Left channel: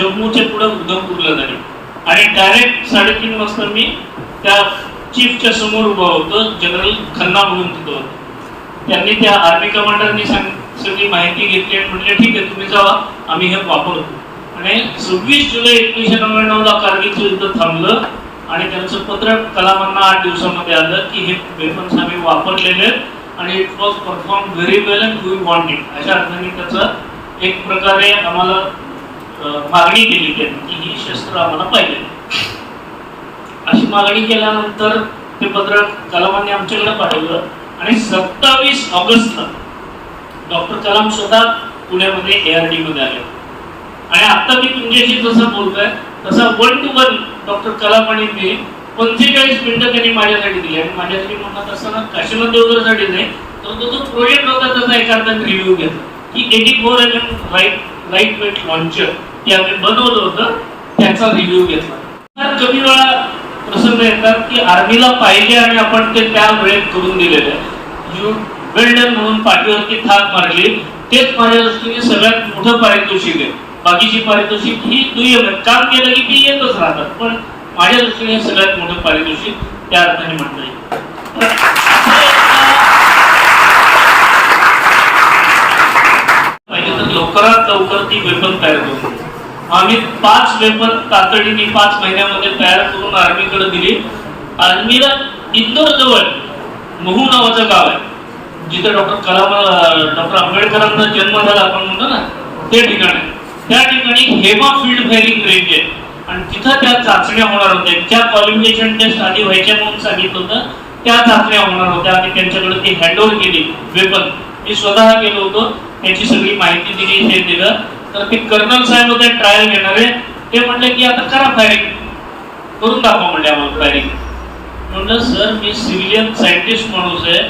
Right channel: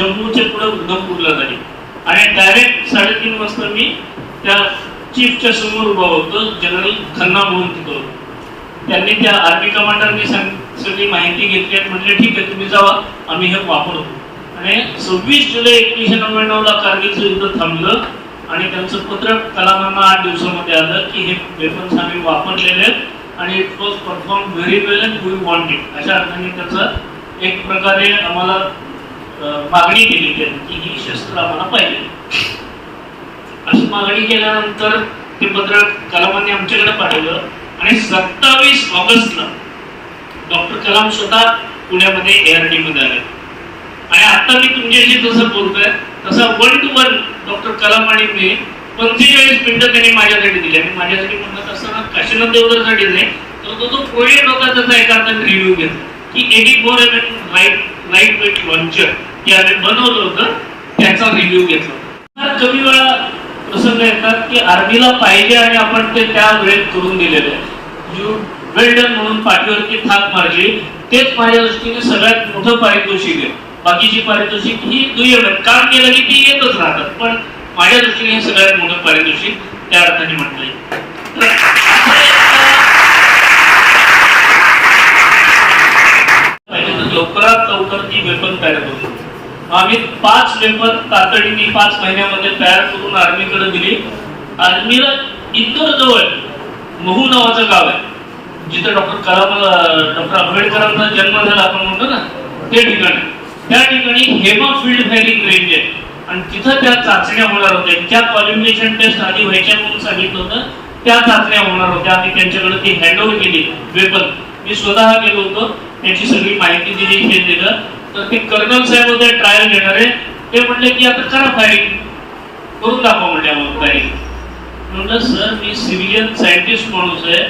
जम्मूच्या पुढे उधमपूरला झाली आणि डायरेक्ट साडेतीन वाजता मी त्या चीफच्या समोर उभा होतो जनरल खन्ना म्हणून तिथं होतो. त्यांनी त्या आर्मी कमांडरनी सांग सगळी माहिती घेतली आणि म्हटले ठीक आहे तुम्ही जावा आम्ही हे वापरतो. आणि सव्वीस जुलै एकोणीशे नव्याण्णवला कारगिलचं युद्ध थांबलं आणि त्यांचं पत्र कलामांना आठ दिवसामध्ये आलं की हे वेपन्स आम्ही वापरलेले आहेत आणि it was perform very well and we want it अशा अर्थाने त्याचं एक प्रकारे आम्हाला मागणी केली त्यांनी की ही शस्त्र आम्हाला पाहिजे अशी मागणी केल्यानंतर ते पत्र कलामांनी आमच्याकडे पाठवलं आणि सत्तावीस ऑगस्टला डॉक्टर कलाम स्वतः पुण्यामध्ये एआरडी मध्ये आले. आणि आता मी तुमच्याशी जसं बोलतोय तसं one two one doctor Kalam आणि मी पंचेचाळीस मिनिटं त्यांनी माझ्यासाठी दिली. आणि माझ्यासाठी म्हणत असताना काशीनाथ देवधरसाठी नाही तर तो जो प्रोजेक्ट होता त्याचा एका अर्थाने रिव्ह्यू घेतला की AT four M M light light weight launcher जे बनवलं होतं त्याचा रिव्ह्यू घेतला. कमी वेळा प्रसंग येतात की आर्मीला पाहिजे आणि आपण ते त्या वेळेत करून दिलेलं आहे. यू वेल्डन म्हणून पाठीवरती थाप मारली तेच माझ्या दृष्टीने सगळ्यात मोठं पारितोषिक आहे. बाकीची पारितोषिक ही दुय्यम आहेत. काम केलं की ती येतच राहतात पण माझ्या दृष्टीने हे सगळ्यात मोठं पारितोषिक त्या अर्थाने म्हटलं पाहिजे तर लवकरात लवकर ती वेपन तयार करू आम्ही पाच वेपन तातडीने पाच महिन्यामध्ये तयार करून आर्मीकडे दिली. आर्मीला इंदोर जवळ महू नावाचं गाव आहे. जिथं डॉक्टर कलाम डॉक्टर आंबेडकरांचा जन्म झाला आपण म्हणतो ना ते ठिकाण आहे. त्या ठिकाणी हेमा फील्ड फायरिंग रेंज आहे. आणि तिथं त्या चाचण्या होणार होत्या. ज्या क्वालिफिकेशन टेस्ट आधी व्हायच्या म्हणून सांगितलं होतं त्या चाचण्या होणार होत्या. आणि त्यांच्याकडे ती हँडओव्हर केली. वेपन मी स्वतः गेलो होतो. त्याची सगळी माहिती दिली हे दिलं. तर ते कर्नल साहेब होते ट्रायल घेणारे ते म्हणले की आता करा फायरिंग करून दाखवा म्हणले आम्हाला फायरिंग म्हणलं सर मी सिव्हिलियन सायंटिस्ट माणूस आहे.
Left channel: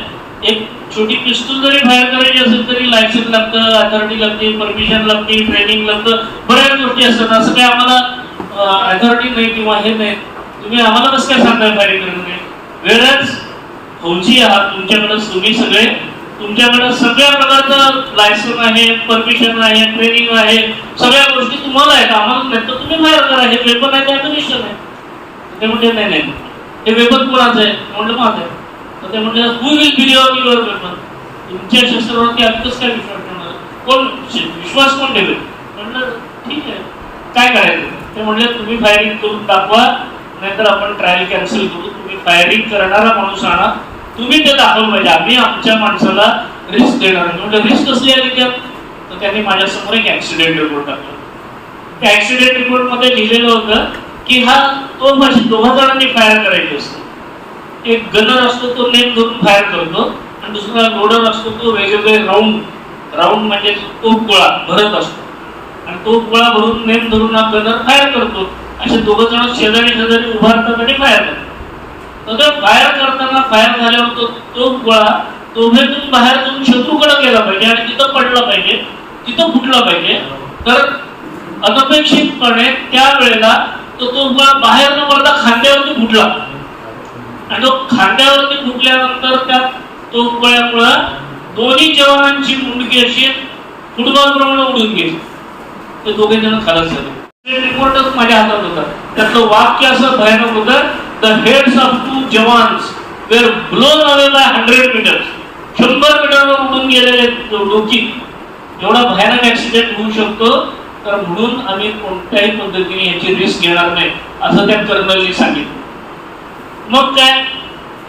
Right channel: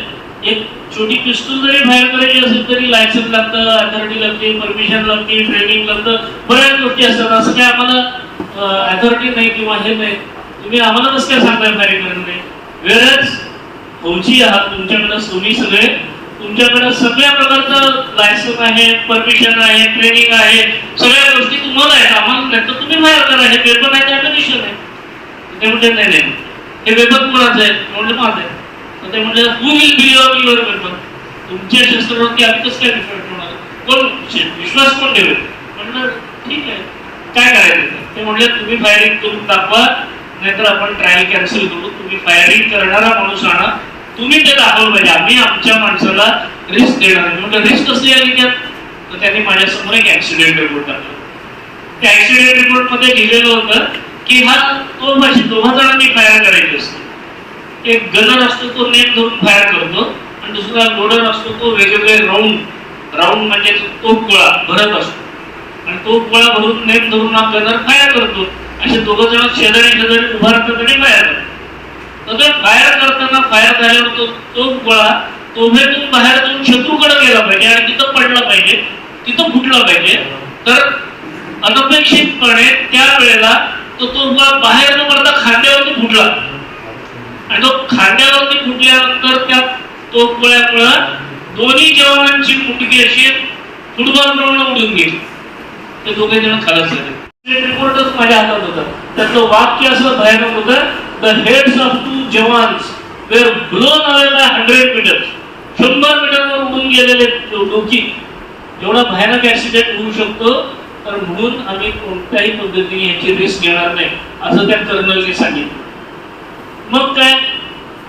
एक छोटी पिस्तूल जरी फायर करायची असेल तरी लायसन्स लागतं अथॉरिटी लागते परमिशन लागते ट्रेनिंग लागतं. बऱ्याच गोष्टी असतात. असं काही आम्हाला अथॉरिटी नाही किंवा हे नाही. तुम्ही आम्हाला कसं काय सांगताय फायरिंग करून वेळच फौजी आहात तुमच्याकडे. तुम्ही सगळे तुमच्याकडे सगळ्या प्रकारचं लायसन आहे परमिशन आहे ट्रेनिंग आहे सगळ्या गोष्टी तुम्हाला आहेत. आम्हाला नाही तर तुम्ही बाहेर करा हे पेपर आहे त्या कमिशन आहे. ते म्हणजे नाही नाही हे पेपर कोणाचं आहे? म्हणजे माझं आहे. तर ते म्हणजे who will be your your तुमच्या शस्त्रावरती आम्ही कसं काय विश्वास करणार? कोण? विश्वास कोण ठेवेल? म्हणलं ठीक आहे. काय करायचं? ते म्हणजे तुम्ही फायरिंग करून दाखवा. नाहीतर आपण ट्रायल कॅन्सल करू. तुम्ही फायरिंग करणारा माणूस आणा. तुम्ही ते दाखवलं पाहिजे आम्ही आमच्या माणसाला रिस्क देणार नाही. म्हणजे रिस्क कसली आली त्यात? तर त्यांनी माझ्यासमोर एक ऍक्सिडेंट रिपोर्ट टाकला. त्या ऍक्सिडेंट रिपोर्टमध्ये लिहिलेलं होतं की हा तो माझी दोघा जणांनी फायर करायची असतो. एक गनर असतो तो नेम धरून फायर करतो आणि दुसरा लोडर असतो तो वेगवेगळे राऊंड राऊंड म्हणजे तो गोळा भरत असतो. आणि तो गोळा भरून नेम धरून हा गनर फायर करतो. असे दोघं जण शेजारी शेजारी उभा राहतात आणि फायर करतात. मगर फायर करताना फायर झाल्यावर तो तो गोळा तोफेतून बाहेर जाऊन शत्रूकडे गेला पाहिजे आणि तिथं पडला पाहिजे तिथं फुटला पाहिजे. तर अनपेक्षितपणे त्या वेळेला तो तो गोळा बाहेर न पडता खांद्यावरती फुटला. आणि तो खांद्यावरती फुटल्यानंतर त्या तो गोळ्यामुळं दोन्ही जवानांची मुंडकी अशी फुटबॉल प्रमाणे उडून गेली. ते दोघे जण खालाच झाले. रिपोर्टच माझ्या हातात होता. त्यातलं वाक्य असं भयानक होतं the heads of two jawans were blown away by hundred meters. शंभर मीटरवर उडून गेलेले लोकी एवढा भयानक ऍक्सिडेंट होऊ शकतो तर म्हणून आम्ही कोणत्याही पद्धतीने याची रिस्क घेणार नाही असं त्या कर्नलने सांगितलं. मग काय?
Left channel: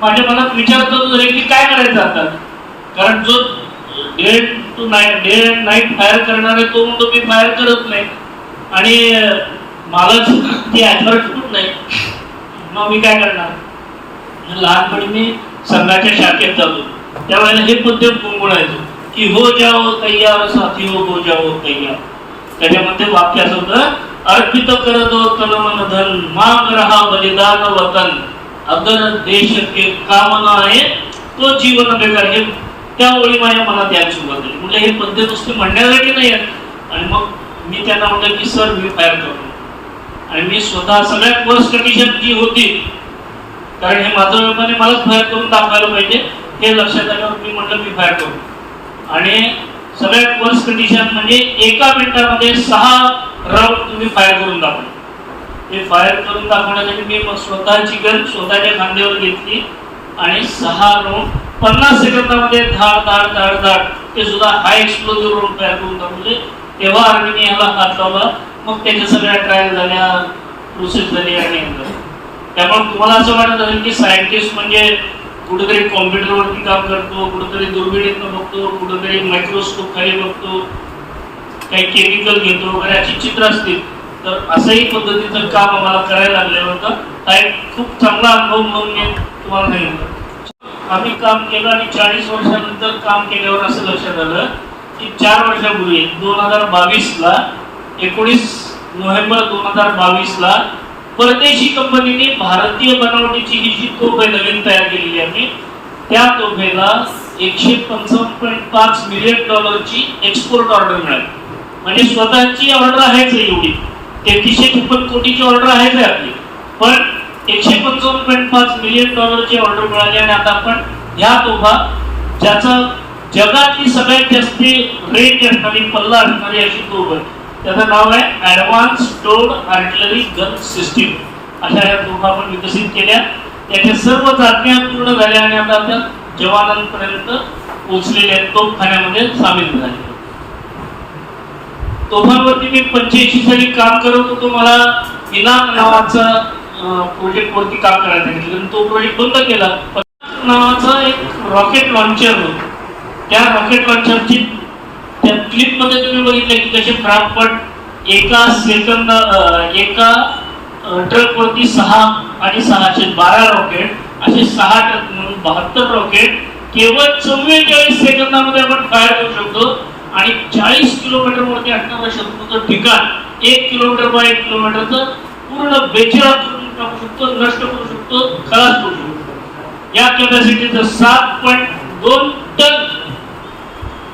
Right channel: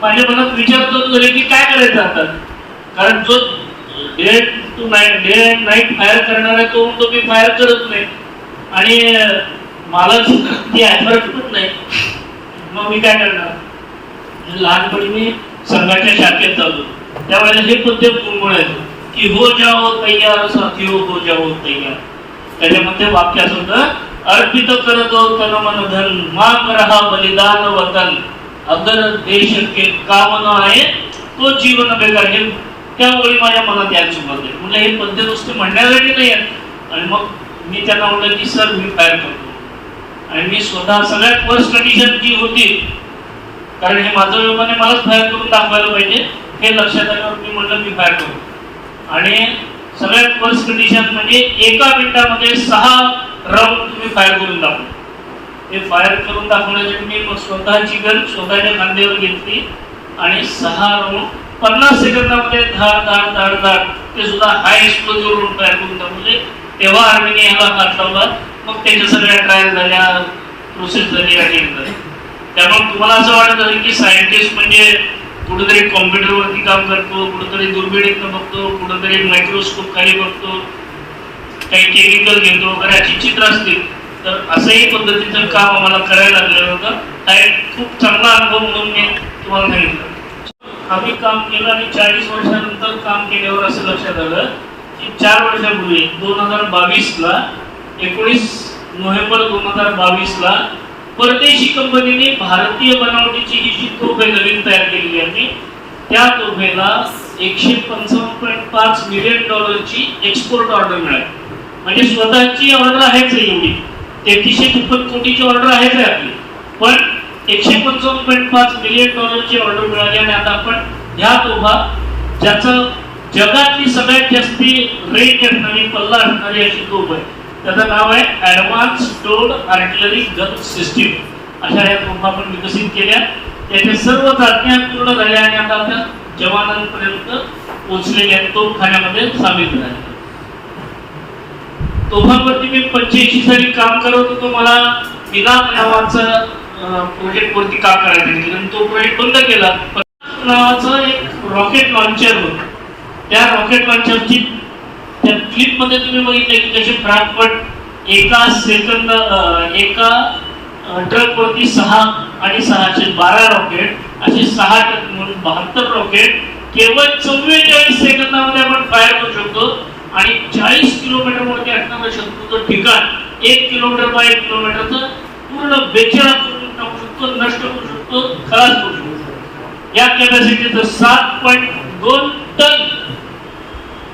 माझ्या मनात विचार करून झाले की काय करायचं आता? कारण जो day to night day and night fire करणारा तो तो मी फायर करत नाही. आणि मला ती अथॉरिटी पण नाही. मग मी काय करणार? लहानपणी मी संघाच्या शाखेत जातो त्यावेळेला हे पद्धत गुणगुणायचो की हो जाओ तैयार साथी हो हो जाओ तैयार. त्याच्यामध्ये वाक्य असं होतं अर्पित करत तन मन धन माग रहा बलिदान वतन. अगर देश के काम आहे तो जीवन बेकार हे. त्यावेळी माझ्या मनात यायला सुरुवात झाली. म्हणजे हे पद्धत नुसते म्हणण्यासाठी नाही आणि मग मी त्यांना म्हणलं की सर मी पॅर करतो आणि मी स्वतः सगळ्यात फर्स्ट कंडिशन जी होती कारण हे माझं वेपन मलाच फायर करून दाखवायला पाहिजे हे लक्षात आलं मी म्हटलं मी फायर करू. आणि सगळ्यात फर्स्ट कंडिशन म्हणजे एका मिनिटामध्ये सहा राऊंड तुम्ही फायर करून दाखवलं ते फायर करून दाखवण्यासाठी मी मग स्वतःची गन स्वतःच्या खांद्यावर घेतली आणि सहा राऊंड पन्नास सेकंदामध्ये धाड धाड धाड धाड ते सुद्धा हाय एक्सप्लोजिव्ह राऊंड फायर करून दाखवले. तेव्हा आर्मीने याला हात लावला. मग त्याच्या सगळ्या ट्रायल झाल्या प्रोसेस झाली आणि त्यामुळे तुम्हाला असं वाटत असेल की सायंटिस्ट म्हणजे कुठेतरी कॉम्प्युटरवरती काम करतो कुठेतरी दुर्बिणीतनं बघतो कुठेतरी मायक्रोस्कोप खाली बघतो काही केमिकल घेतो वगैरे अशी चित्र असतील. तर असंही पद्धतीचं काम आम्हाला करायला लागलेलं होतं. हा एक खूप चांगला अनुभव म्हणून मी तुम्हाला सांगितलं. आम्ही काम केलं आणि चाळीस वर्षानंतर काम केल्यावर असं लक्षात आलं की चार वर्षापूर्वी दोन हजार बावीसला एकोणीस नोव्हेंबर दोन हजार बावीस ला परदेशी कंपनीने भारतीय बनावटीची ही जी तोफे नवीन तयार केलेली आहे त्या तोफेला एकशे पंचावन्न पॉईंट पाच मिलियन डॉलरची एक्सपोर्ट ऑर्डर मिळाली. म्हणजे स्वतःची ऑर्डर आहेच आहे एवढी. तेहतीसशे छप्पन कोटीची ऑर्डर आहेच आहे आपली. पण एकशे पंचावन्न पॉईंट पाच मिलियन डॉलरची ऑर्डर मिळाली आणि आता आपण ह्या तोफा ज्याचं जगातली सगळ्यात जास्ती रेट असणारी पल्ला असणारी अशी तोफ आहे. त्याचं नाव आहे advance towed artillery gun system अशा या तोफा आपण विकसित केल्या. त्याच्या सर्व चाचण्या पूर्ण झाल्या आणि आता त्या जवानांपर्यंत पोहोचलेल्या तोफखान्यामध्ये सामील झाल्या तोफांवरती मी पंच्याऐंशी साली काम करत होतो. मला इनाम नावाचा प्रोजेक्ट वरती काम करायचं सांगितलं. तो प्रोजेक्ट बंद केला. नावाचं एक रॉकेट लॉन्चर होतं. त्या रॉकेट लॉन्चरची क्लिपमध्ये तुम्ही बघितलं की कसे फटाफट एका सेकंद एका ट्रक वरती सहा आणि सहाशे बारा रॉकेट असे सहा ट्रक म्हणून बहात्तर रॉकेट केवळ चव्वेचाळीस सेकंदामध्ये आपण फायर करू शकतो. आणि चाळीस किलोमीटर वरती असणारं शत्रूचं ठिकाण एक किलोमीटर बाय एक किलोमीटरचं पूर्ण बेचिरा करून टाकू शकतो नष्ट करू शकतो खलास करू शकतो. या कॅपॅसिटीचं सात पॉईंट दोन टन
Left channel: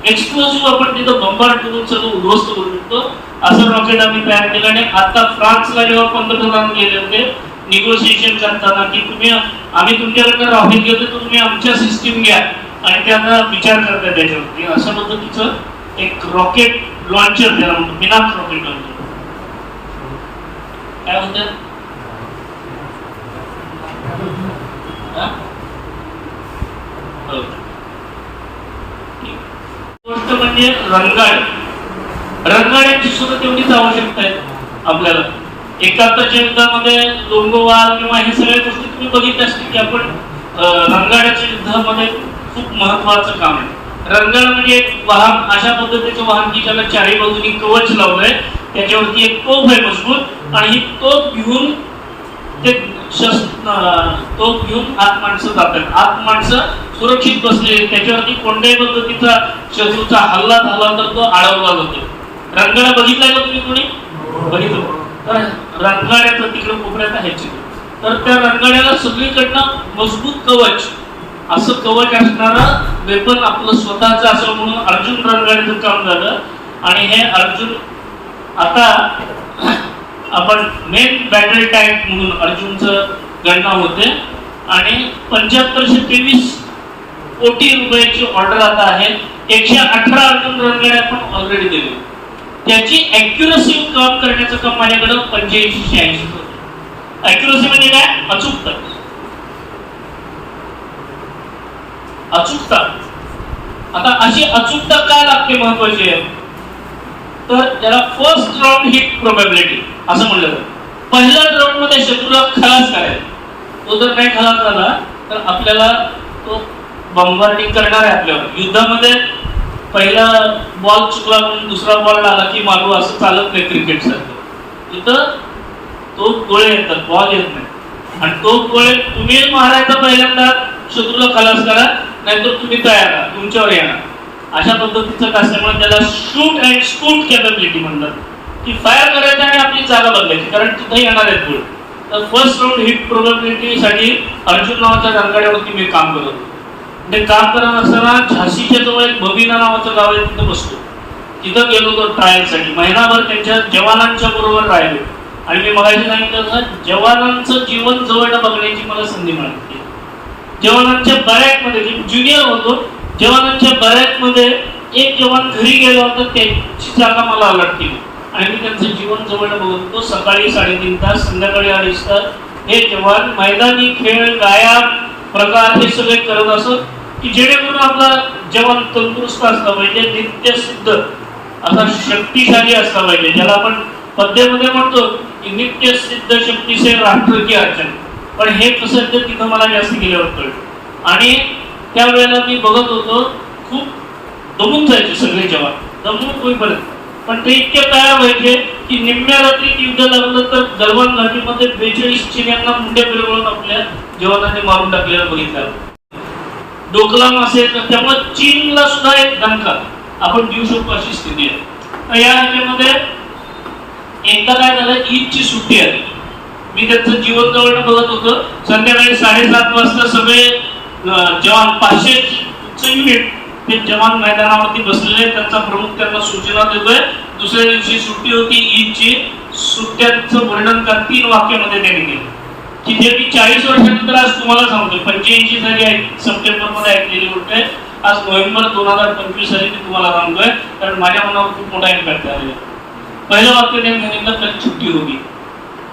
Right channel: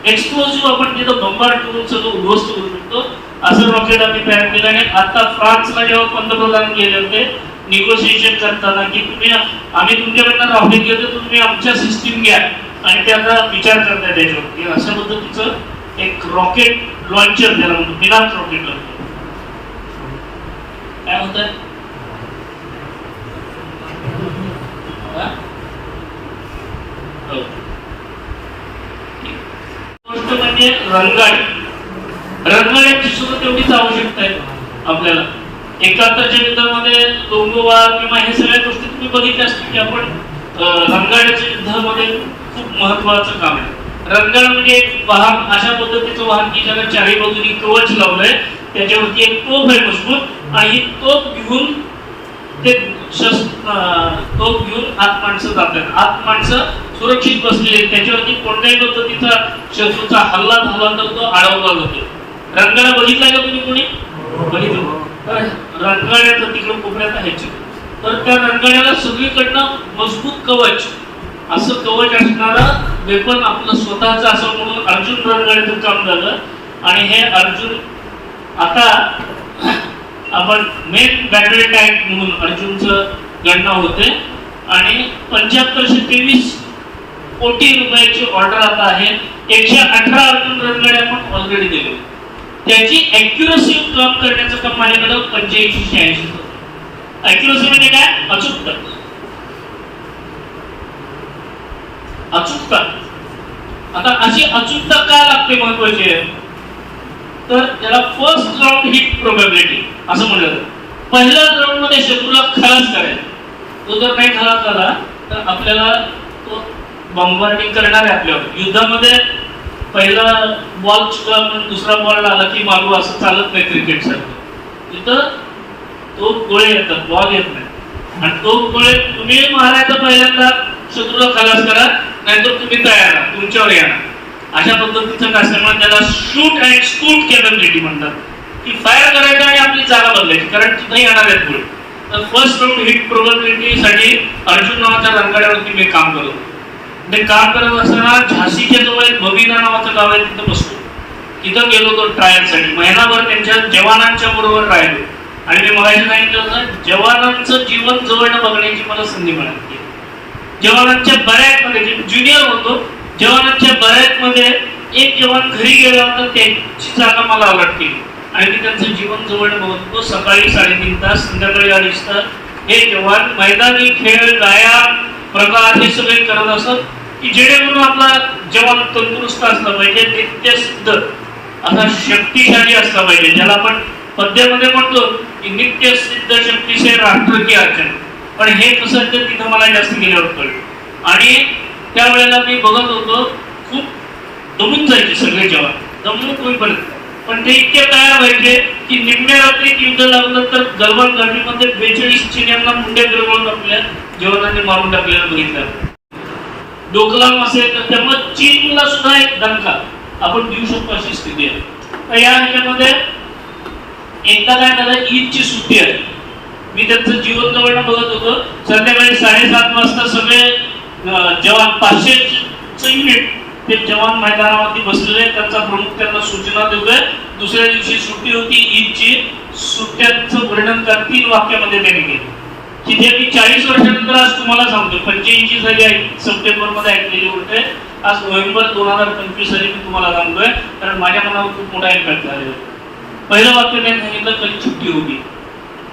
एक्सप्लोसिव्ह आपण तिथं बंबार ठेवून सगळं उद्ध्वस्त करू शकतो. असं रॉकेट आम्ही तयार केलं आणि आता फ्रान्सला जेव्हा पंतप्रधान गेले होते निगोसिएशन करताना की तुम्ही आम्ही तुमच्याकडनं रॉकेट घेतो तुम्ही आमच्या सिस्टीम घ्या. आणि त्यांना विचार करताय त्याच्यावरती. अशा पद्धतीचं एक रॉकेट लॉन्चर त्याला बिनाच रॉकेट लॉन्चर काय म्हणतात Oh. गोष्ट म्हणजे रंगाळ. रंगाळ्याची सुद्धा तेवढीच आवश्यकता आहे आपल्याला. एकाहत्तरच्या युद्धामध्ये लोंगोवाल किंवा हे सगळ्या गोष्टी तुम्ही बघितल्या असतील की आपण रंगाळ्याच्या युद्धामध्ये खूप महत्वाचं काम आहे. रंगाळ म्हणजे एक वाहन अशा पद्धतीचं वाहन की ज्याला चारी बाजूनी कवच लावलंय त्याच्यावरती एक तोफ आहे मजबूत आणि ही तोफ घेऊन ते तोफ घेऊन आत माणसं जातात. आत माणसं सुरक्षित बसलेले त्याच्यावरती कोणत्याही पद्धतीचा शत्रूचा हल्ला झाला तर तो अडवला जातो. रंगाला बघितलाय का तुम्ही कोणी? बघितलं. तर रंगाड्याचं तिकडे कोपऱ्यात आहे तर त्या रंगाड्याला सगळीकडनं मजबूत कवच. असं कवच असणारं वेपन आपलं स्वतःच असं म्हणून अर्जुन रंगाड्याचं काम झालं. आणि हे अर्जुन आता आपण मेन बॅटल टँक म्हणून अर्जुनचं गणना होते. आणि पंच्याहत्तरशे तेवीस कोटी रुपयाची ऑर्डर आता आहे. एकशे अठरा अर्जुन रणगाड्या आपण ऑलरेडी दिले. त्याची अॅक्युरसी काम करण्याचं काम माझ्याकडं पंच्याऐंशी शहाऐंशी अॅक्युरसी म्हणजे काय? अचूकता. अचूकता. आता अशी अचूकता काय लागते महत्वाची? आहे तर त्याला फर्स्ट राऊंड हिट प्रोबॅबिलिटी असं म्हणलं जातं. पहिल्या राऊंडमध्ये शत्रूला खलास करायचा. तो जर काही खलास झाला तर आपल्याला तो बॉम्बार्डिंग करणार आहे आपल्यावर. युद्धामध्ये पहिला बॉल चुकला म्हणून दुसरा बॉल आला की मारू असं चालत नाही क्रिकेट सारखं. तिथं तो गोळे येतात बॉल येत नाही. आणि तो गोळे तुम्ही मारायचा पहिल्यांदा शत्रूला खलास करा नाहीतर तुम्ही तयार तुमच्यावर येणार. अशा पद्धतीचं असल्यामुळे त्याला शूट अँड स्कूट कॅपॅबिलिटी म्हणतात. ती फायर करायची आणि आपली जागा बदलायची कारण तिथं येणार आहेत गोळ तर फर्स्ट राऊंड हिट प्रोबॅबिलिटीसाठी अर्जुन नावाच्या रंगाड्यावरती मी काम करत होतो. ते काम करत असताना झाशीच्या जवळ एक भविना नावाचं गाव आहे तिथं बसतो तिथं गेलो तो ट्रायलसाठी महिनाभर त्यांच्या जवानांच्या बरोबर राहिलो. आणि मी मगाशी सांगितलं जवानांचं जीवन जवळ बघण्याची मला संधी मिळाली. जवानांच्या बॅरॅकमध्ये ज्युनियर होतो जवानांच्या बॅरॅकमध्ये एक जवान घरी गेला होता त्याची जागा मला अलर्ट केली. आणि त्यांचं जीवन जवळ बघतो सकाळी साडेतीन तास संध्याकाळी अडीच तास. हे जवान मैदानी खेळ व्यायाम प्रकार हे सगळे करत असत की जेणेकरून आपला जवान तंदुरुस्त असला पाहिजे नित्य सिद्ध असा शक्तिशाली असला पाहिजे. ज्याला आपण पद्यामध्ये म्हणतो की नित्य सिद्ध शक्तीचे राष्ट्र की अर्चन. पण हे कसं तिथं मला जास्त गेल्यावर कळलं. आणि त्यावेळेला मी बघत होतो खूप दमून जायचे सगळे जवान. दमून होईपर्यंत. पण ते इतके तयार व्हायचे की निम्म्या रात्री युद्ध लागलं तर गलवान घाटीमध्ये बेचाळीस चिन्यांना मुंडे गिरवून आपल्या जवानांनी मारून टाकलेला बघितलं. डोकलाम असेल तर त्यामुळे चीनला सुद्धा एक धमका. आपण देऊ शकतो अशी स्थिती आहे. या ह्याच्यामध्ये एकदा काय झालं ईदची सुट्टी आहे. मी त्यांचं जीवन जवळ बघत होतो. संध्याकाळी साडेसात वाजता सगळे जवान पाचशे युनिट ते जवान मैदानावरती बसलेले त्यांचा प्रमुख त्यांना सूचना देतोय. दुसऱ्या दिवशी सुट्टी होती. ईदची सुट्ट्यांचं वर्णन कर तीन वाक्यामध्ये त्यांनी केलं. की जे मी चाळीस वर्षानंतर आज तुम्हाला सांगतो पंच्याऐंशी साली सप्टेंबरमध्ये ऐकलेली होते आज नोव्हेंबर दोन हजार पंचवीस साली मी तुम्हाला सांगतोय. कारण माझ्या मनावर खूप मोठा इम्पॅक्ट झालेला पहिलं वाक्य त्यांनी सांगितलं कल सुट्टी होती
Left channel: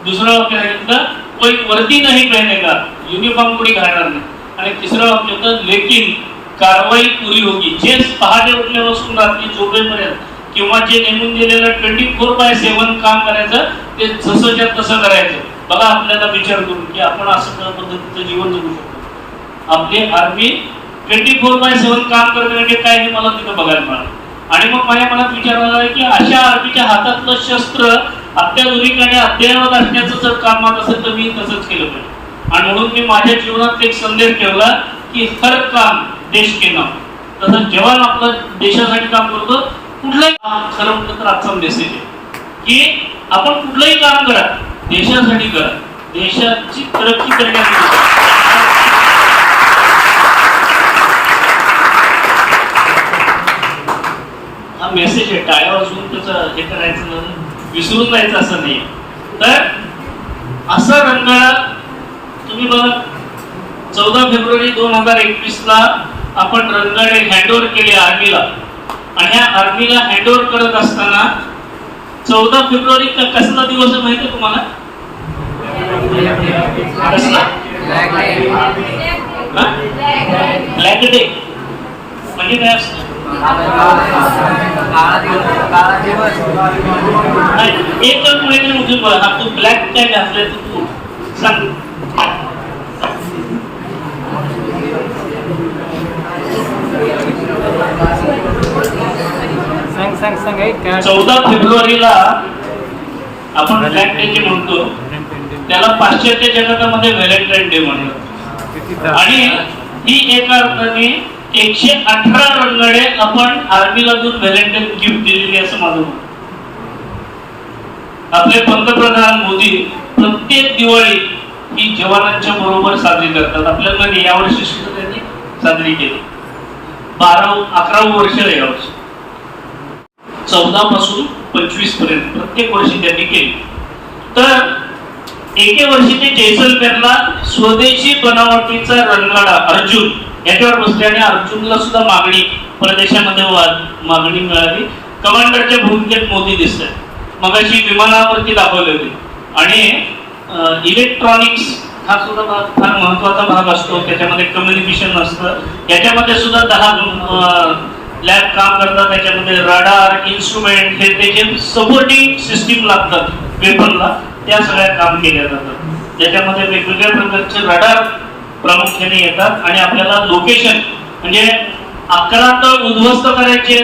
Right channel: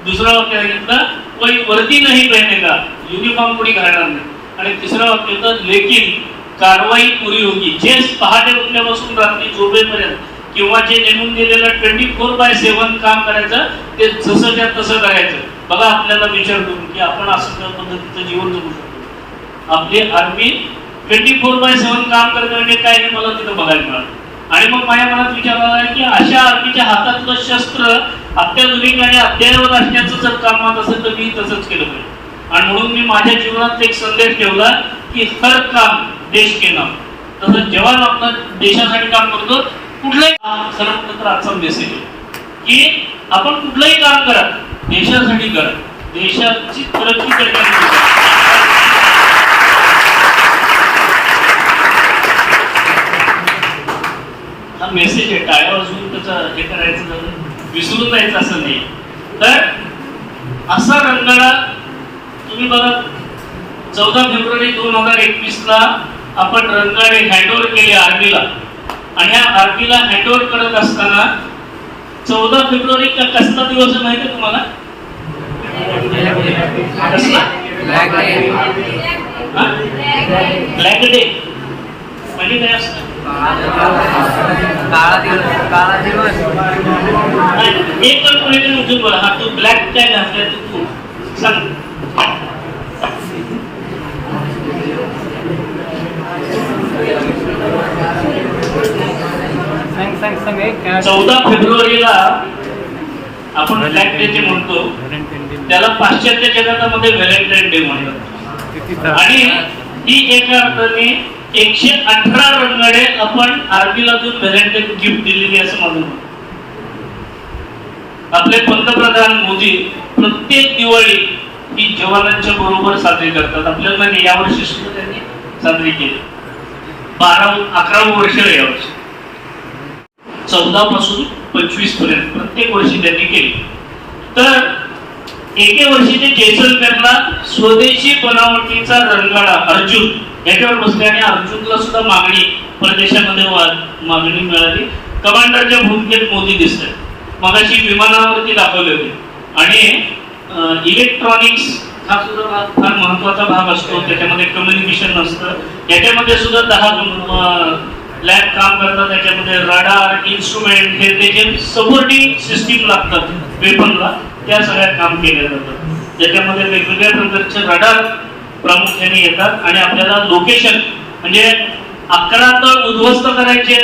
दुसरं वाक्य सांगितलं कोई वर्दी नाही पहने का युनिफॉर्म कोणी घालणार नाही. आणि तिसरं वाक्य होतं लेकिन कारवाई पुरी होगी जे पहाटे उठल्यापासून रात्री झोपेपर्यंत किंवा जे नेमून दिलेलं ट्वेंटी फोर बाय सेव्हन काम करायचं ते जसंच्या तसं करायचं. बघा आपल्याला विचार करू की आपण असं पद्धतीचं जीवन जगू शकतो. आपली army twenty four by seven काम करते म्हणजे काय हे मला तिथं बघायला मिळालं. आणि मग माझ्या मनात विचार आला की अशा आर्मीच्या हातातलं शस्त्र अत्याधुनिक आणि अद्ययावत असण्याचं जर कामात असेल तर मी तसंच केलं पाहिजे. आणि म्हणून मी माझ्या जीवनात एक संदेश ठेवला की हर काम देश केला. तसं जवान आपलं देशासाठी काम करतो कुठलंही काम तर आजचा मेसेज आहे की आपण कुठलंही काम करा देशासाठी करा. देशाची तरक्की करण्यासाठी हा मेसेज आहे. टाळ्या झूम त्याचं हे करायचं विसरून जायचं असं नाही. तर असं रंगाळा तुम्ही बघा चौदा फेब्रुवारी दोन हजार एकवीस ला आपण रंगाळे हँडओव्हर केले आर्मीला. आणि ह्या आर्मीला हँडओव्हर करत असताना चौदा फेब्रुवारी का कसला दिवस आहे माहिती आहे तुम्हाला? ब्लॅक डे म्हणजे काय असत? दिवस दिवस नाही, एक पण कोणीतरी उठून तू ब्लॅक काय घातलाय तू सांग. सांग सांग सांग चौदा फेब्रुवारीला आपण डे जे म्हणतो. त्याला पाश्चात्य जगतामध्ये व्हॅलेंटाईन डे म्हणतात. आणि ती एका अर्थाने एकशे अठरा रंगाडे आपण आर्मीला देऊन व्हॅलेंटाईन गिफ्ट दिलेली असं माझं. आपले पंतप्रधान मोदी प्रत्येक दिवाळी ही जवानांच्या बरोबर साजरी करतात. आपल्याला यावर्षी सुद्धा त्यांनी साजरी केली. बारा अकरावं वर्ष आहे यावर्षी. चौदा पासून पंचवीसपर्यंत प्रत्येक वर्षी त्यांनी केली. तर एके वर्षी ते जैसलमेरला स्वदेशी बनावटीचा रणगाडा अर्जुन. याच्यावर बसल्याने अर्जुनला सुद्धा मागणी परदेशामध्ये मागणी मिळाली. कमांडरच्या भूमिकेत मोदी दिसते मगाशी विमानावरती दाखवले होते. आणि इलेक्ट्रॉनिक्स हा सुद्धा भाग फार महत्त्वाचा भाग असतो. त्याच्यामध्ये कम्युनिकेशन असतं. याच्यामध्ये सुद्धा दहा लॅब काम करतात त्याच्यामध्ये रडार इन्स्ट्रुमेंट हे त्याचे सपोर्टिंग सिस्टीम लागतात पेपरला त्या सगळ्या काम केल्या जातात. ज्याच्यामध्ये वेगवेगळ्या प्रकारचे रडार प्रामुख्याने येतात आणि आपल्याला लोकेशन म्हणजे अकरा तर उद्ध्वस्त करायचे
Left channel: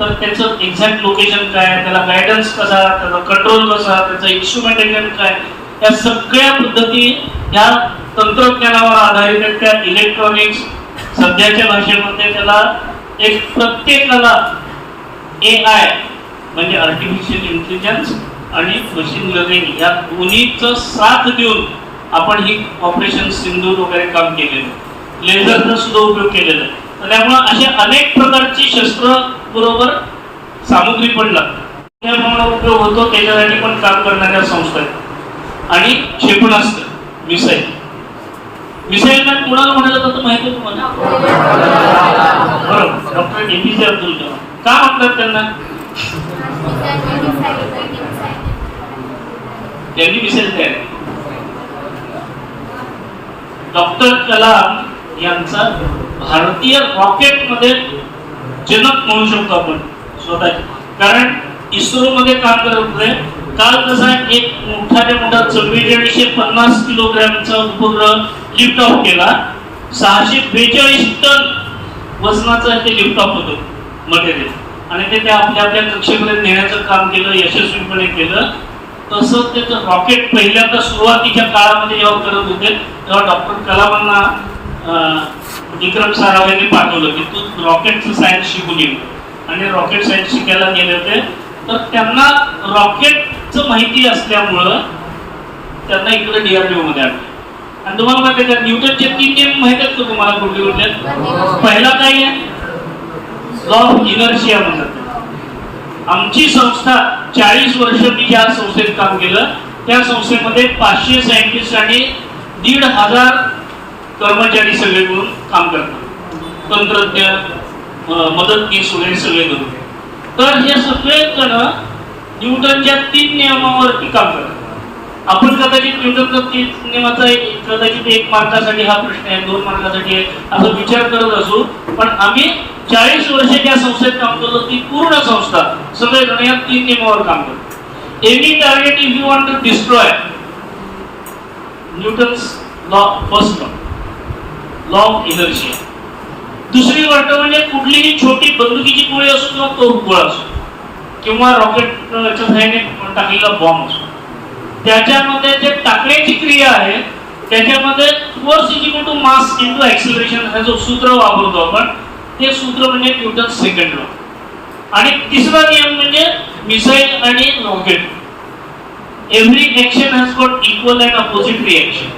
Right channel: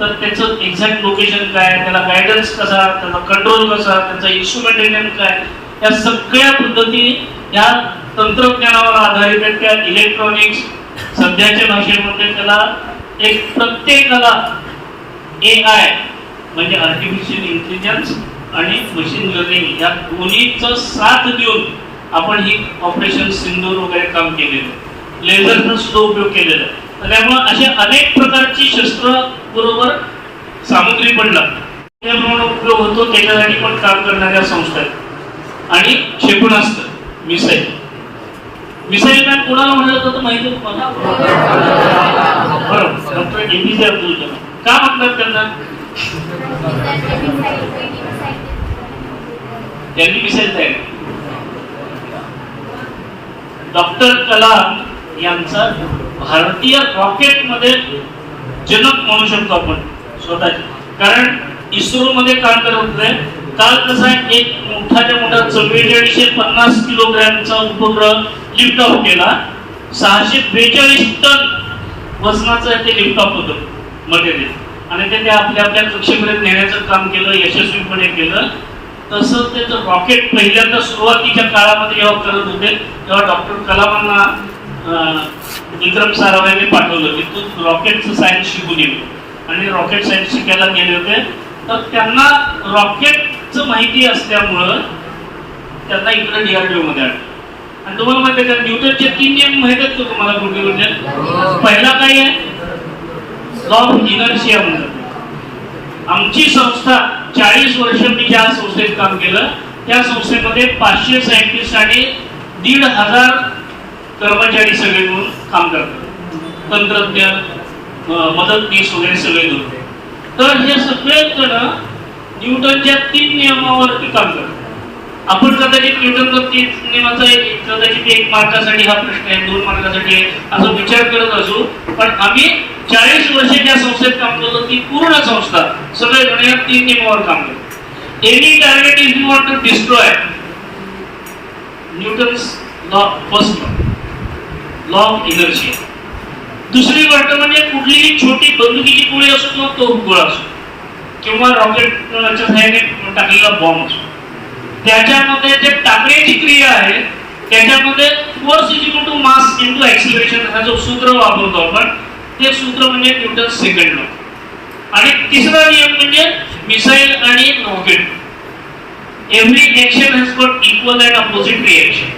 तर त्याचं एक्झॅक्ट लोकेशन काय त्याला गायडन्स कसा त्याचा कंट्रोल कसा त्याचा इन्स्ट्रुमेंटेशन काय या सगळ्या पद्धती ह्या तंत्रज्ञानावर आधारित त्या इलेक्ट्रॉनिक्स सध्याच्या भाषेमध्ये त्याला एक प्रत्येकाला ए आय म्हणजे आर्टिफिशियल इंटेलिजन्स आणि मशीन लर्निंग या दोन्हीचं साथ देऊन आपण ही ऑपरेशन सिंदूर वगैरे काम केलेलं लेझरचा सुद्धा उपयोग केलेला आहे. तर त्यामुळे अशा अनेक प्रकारची शस्त्र बरोबर सामुग्री पण लागते. त्यामुळे उपयोग होतो त्याच्यासाठी पण काम करणाऱ्या संस्था आहेत. आणि क्षेपणास्त्र मिसाईल. विषयाला कोणाला कुणाला म्हणालं माहिती तुम्हाला? बरोबर. Doctor APJ Abdul Kalam. का म्हटलं त्यांना त्यांनी विषय तयार डॉक्टर कलाम यांचा भारतीय रॉकेटमध्ये जनक म्हणू शकतो आपण स्वतः कारण इस्रो मध्ये काम करत होते काल कसा एक मोठाच्या मोठा चव्वेचाळीसशे पन्नास किलोग्रॅमचा उपग्रह लिफ्ट ऑफ केला. सहाशे बेचाळीस टन वजनाचं ते लिफ्ट ऑफ होतं मटेरियल आणि ते आपल्या आपल्या कक्षेपर्यंत नेण्याचं काम केलं यशस्वीपणे केलं. तसं त्याचं रॉकेट पहिल्यांदा सुरुवातीच्या काळामध्ये जेव्हा करत होते तेव्हा डॉक्टर कलामांना विक्रम साराभाईंनी पाठवलं की तू रॉकेटचं सायन्स शिकून ये. आणि रॉकेट सायन्स शिकायला गेले होते तर त्यांना रॉकेट माहिती असल्यामुळं त्यांना इकडे डीआरडीओ मध्ये आणलं. आणि तुम्हाला माहिती का न्यूटनचे तीन नियम माहीत आहेत का तुम्हाला कुठले कुठले पहिला काय आहे? लॉ ऑफ इनर्शिया म्हणतात आमची संस्था चाळीस वर्ष मी ज्या संस्थेत काम केलं त्या संस्थेमध्ये पाचशे सायंटिस्ट आणि दीड हजार कर्मचारी सगळे मिळून काम करतात. तंत्रज्ञ मदतनीस वगैरे सगळे मिळून. तर हे सगळे जण न्यूटनच्या तीन नियमावरती काम करतो. आपण कदाचित न्यूटनचा तीन नियमाचा एक- कदाचित एक मार्कासाठी हा प्रश्न आहे दोन मार्कासाठी आहे असा विचार करत असू पण आम्ही चाळीस वर्ष ज्या संस्थेत काम करतो ती पूर्ण संस्था सगळे जण या तीन नियमावर काम करतो. Any target if you want to destroy Newton's law first law law of inertia दुसरी गोष्ट म्हणजे कुठलीही छोटी बंदुकीची गोळी असो किंवा तोफ गोळा असो किंवा रॉकेटच्या सहाय्याने टाकलेला बॉम्ब असतो त्याच्यामध्ये जे टाकण्याची क्रिया आहे त्याच्यामध्ये force is equal to mass into acceleration हा जो सूत्र वापरतो आपण ते सूत्र म्हणजे न्यूटन सेकंड लॉ. आणि तिसरा नियम म्हणजे मिसाईल आणि rocket every action has got equal and opposite reaction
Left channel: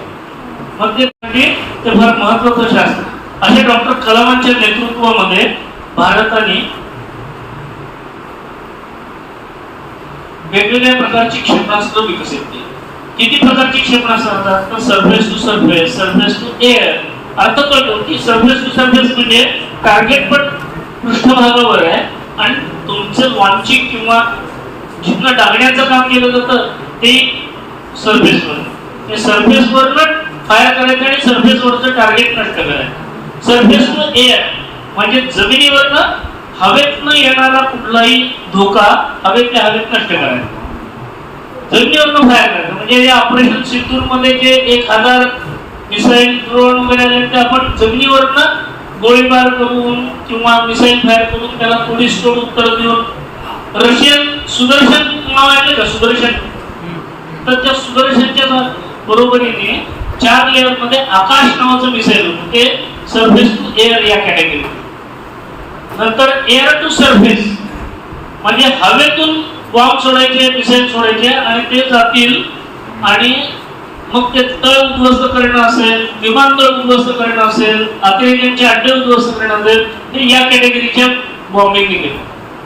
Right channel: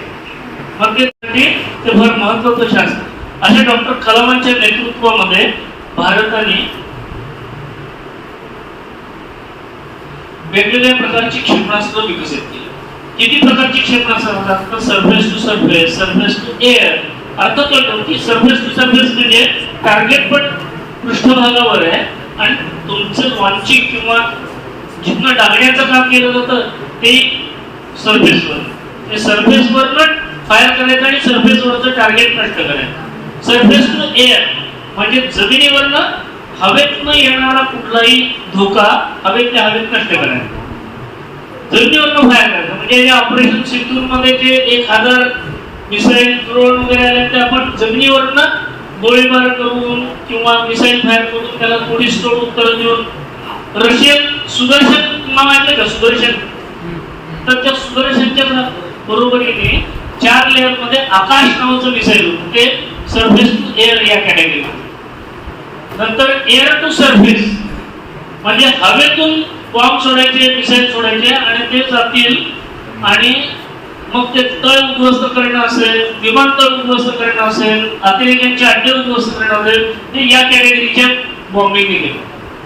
मग ते ते फार महत्वाचं शास्त्र. अशा डॉक्टर कलामांच्या नेतृत्वामध्ये भारताने वेगवेगळ्या प्रकारची क्षेपणास्त्र विकसित केली. किती प्रकारची क्षेपणास्त्र असतात तर surface to surface surface to air अर्थ कळतो की सरफेस टू सरफेस म्हणजे टार्गेट पण पृष्ठभागावर आहे आणि तुमचं लॉन्चिंग किंवा जिथनं डागण्याचं काम केलं जातं ते सरफेसवर हे सरफेसवरनं फायर करायचं आणि सरफेसवरचं टार्गेट नष्ट करायचं. सरफेस टू एअर म्हणजे जमिनीवरनं हवेतनं येणारा कुठलाही धोका हवेतल्या हवेत नष्ट करायचा. जमिनीवरनं फायर करायचं म्हणजे या ऑपरेशन सिंदूरमध्ये जे एक हजार मिसाईल ड्रोन वगैरे आले ते आपण जमिनीवरनं गोळीबार करून किंवा मिसाईल फायर करून त्याला थोडी स्टोर उत्तर देऊन रशियन सुदर्शन नाव ऐकलं का सुदर्शन. तर त्या सुदर्शनच्या बरोबरीने चार लेअरमध्ये आकाश नावाचं मिसाईल होतं. ते सरफेस टू एअर या कॅटेगरी नंतर एअर टू सर्व्हिस म्हणजे हवेतून बॉम्ब सोडायचे मिसाईल सोडायचे आणि ते जातील आणि मग ते तळ उद्ध्वस्त करणं असेल विमानतळ उद्ध्वस्त करणं असेल अतिरेक्यांचे अड्डे उद्ध्वस्त करणं असेल ते या कॅटेगरीच्या बॉम्बिंग गेले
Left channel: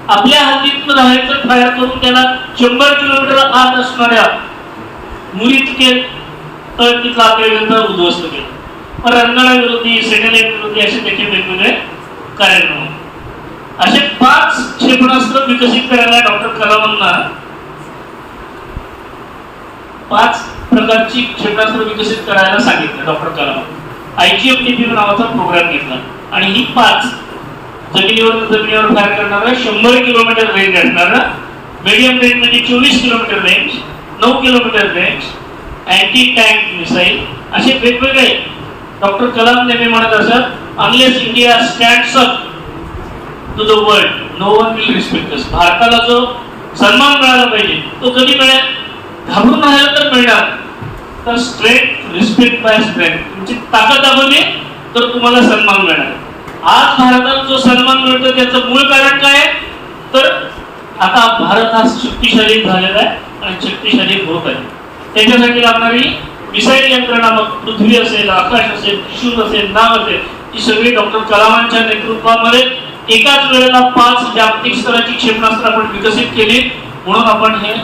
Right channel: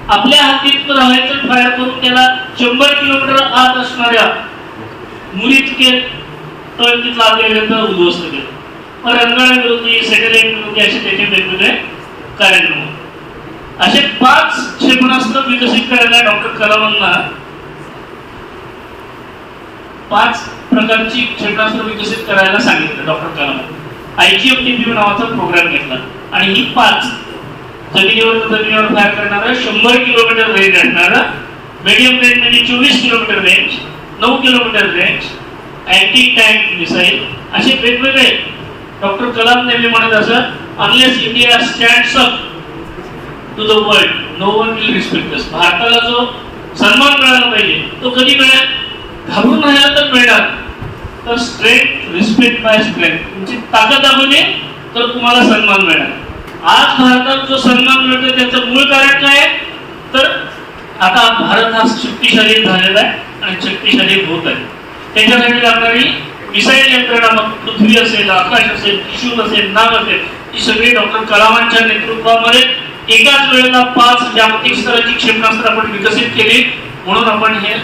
आपल्या हातीत राहायचं फायर करून त्याला शंभर किलोमीटर आत असणाऱ्या मुलीतके तळ तिथं अतिरेक्यांचा उद्ध्वस्त केलं रंगाळा विरोधी सेटेलाइट विरोधी असे त्याचे वेगवेगळे कार्यक्रम होते. असे पाच क्षेपणास्त्र विकसित करायला डॉक्टर कलामांना पाच प्रकारची क्षेपणास्त्र विकसित करायला सांगितलं डॉक्टर कलाम. आयजीएमटीपी नावाचा प्रोग्राम घेतला. आणि ही पाच जमिनीवर जमिनीवर फायर करणारा शंभर किलोमीटर रेंज असणारा मिडियम रेंज म्हणजे चोवीस किलोमीटर रेंज नऊ kilometre range anti tank missile असे वेगवेगळे. डॉक्टर कलाम नेहमी म्हणत असत unless India stands up to the world no one will respect us भारताला जो सन्मान मिळाला पाहिजे तो कधी मिळेल? घाबरून राहिला तर मिळणार. तर स्ट्रेट रिस्पेक्ट बाय स्ट्रेंथ तुमची ताकद दाखवली तर तुम्हाला सन्मान मिळणार. आज भारतात जो सन्मान मिळतो त्याचं मूळ कारण काय आहे? तर आता भारत हा शक्तिशाली झालेला आहे आणि शक्तिशाली होत आहे. त्याच्यासाठी लागणारी मिसाईल यंत्रणा मग पृथ्वी असेल आकाश असेल किशोर असेल नाग असेल ही सगळी डॉक्टर कलामांच्या नेतृत्वामध्ये एकाच वेळेला पाच जागतिक स्तराची क्षेपणास्त्र आपण विकसित केले म्हणून आपण हे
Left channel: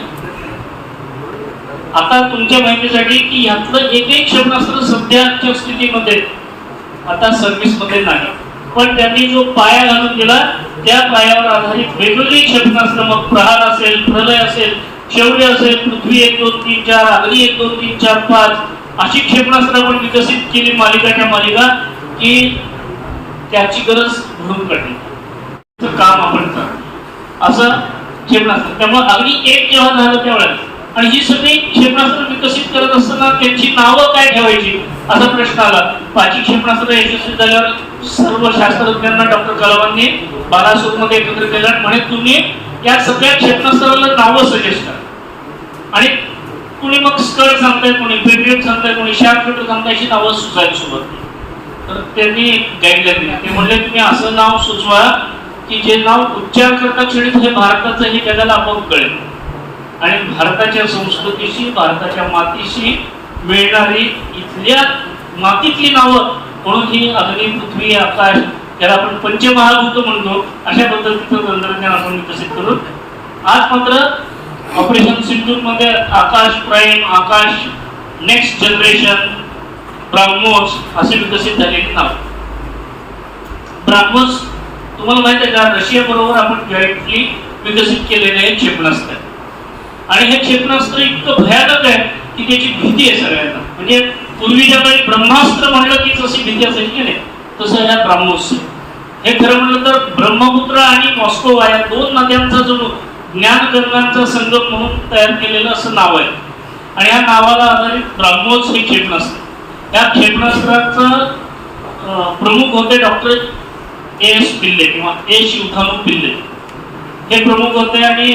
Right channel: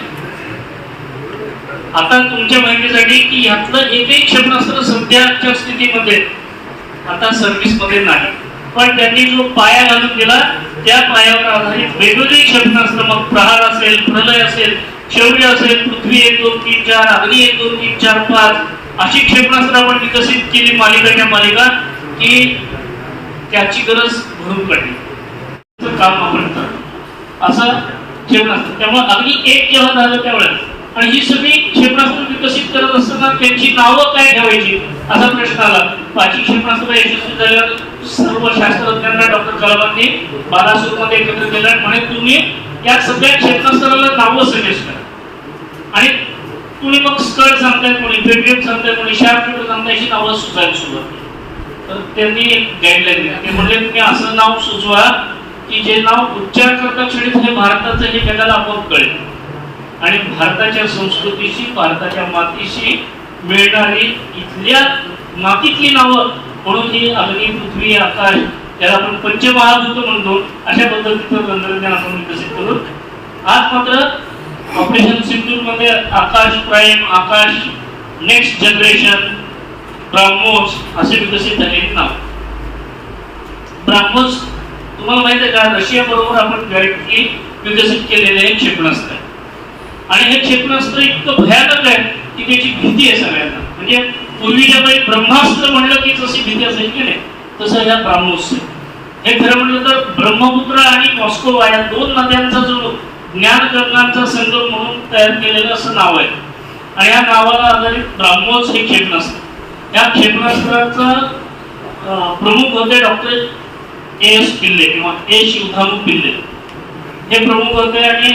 आता तुमच्या माहितीसाठी की यातलं एकही क्षेपणास्त्र सध्याच्या स्थितीमध्ये आता सर्व्हिसमध्ये नाही. पण त्यांनी जो पाया घालून दिला त्या पायावर आधारित वेगवेगळी क्षेपणास्त्र मग प्रहार असेल प्रलय असेल शौर्य असेल पृथ्वी एक दोन तीन चार अग्नी एक दोन तीन चार पाच अशी क्षेपणास्त्र आपण विकसित केली मालिकाच्या मालिका की त्याची गरज भरून काढली काम आपण करतो. असं क्षेपणास्त्र. त्यामुळे अगदी एक जेव्हा झालं त्यावेळेस आणि ही सगळी क्षेपणास्त्र विकसित करत असताना त्यांची नावं काय ठेवायची? असा प्रश्न आला. पाचवी क्षेपणास्त्र यशस्वी झाल्यावर सर्व शास्त्रज्ञांना डॉक्टर कलामांनी बालासोरमध्ये एकत्र केलं म्हणे तुम्ही या सगळ्या क्षेपणास्त्राला नावं सजेस्ट करा. आणि कुणी मग स्कर्ट सांगताय कोणी पेट्रियट सांगताय कोणी शार्ट पेट्रोल सांगताय अशी नावं सुचायला सुरुवात तर त्यांनी एक गाईडलाईन दिली. ते म्हणले तुम्ही असं नाव सुचवा की जे नाव उच्चार करता क्षणी तुझे भारताचं हे जगाला आपोआप कळेल. आणि भारताच्या संस्कृतीशी भारताच्या मातीशी मिळणारी इथल्या मातीतली नावं म्हणून ही अग्नी पृथ्वी आकाश त्याला आपण पंचमहाभूत म्हणतो. अशा पद्धतीचं तंत्रज्ञान आपण विकसित करू. आज मात्र operation सिंधूरमध्ये Akash prime Akash next generation Brahmos असे विकसित झालेले नाव. ब्राह्मोस तुम्हाला माहीत आहे का रशिया बरोबर आपण जॉईंटली विकसित केलेले हे क्षेपणास्त्र. आणि हे क्षेपणास्त्र इतकं भयानक आहे की त्याची भीती आहे सगळ्यांना. म्हणजे पूर्वीच्या काही ब्रह्मास्त्र म्हणलं की जशी भीती असायची की नाही तसं ह्या ब्राह्मोस हे खरं म्हणलं तर ब्रह्मपुत्र आणि मॉस्को या दोन नद्यांचा जो ज्ञान गंगांचा संगम म्हणून तयार केलेलं असं नाव आहे. आणि या नावाला आधारित ब्राह्मोस हे क्षेपणास्त्र. या क्षेपणास्त्राचं प्रमुख होते डॉक्टर एस पिल्ले किंवा ए शिवधानू पिल्ले. हे प्रमुख होते आणि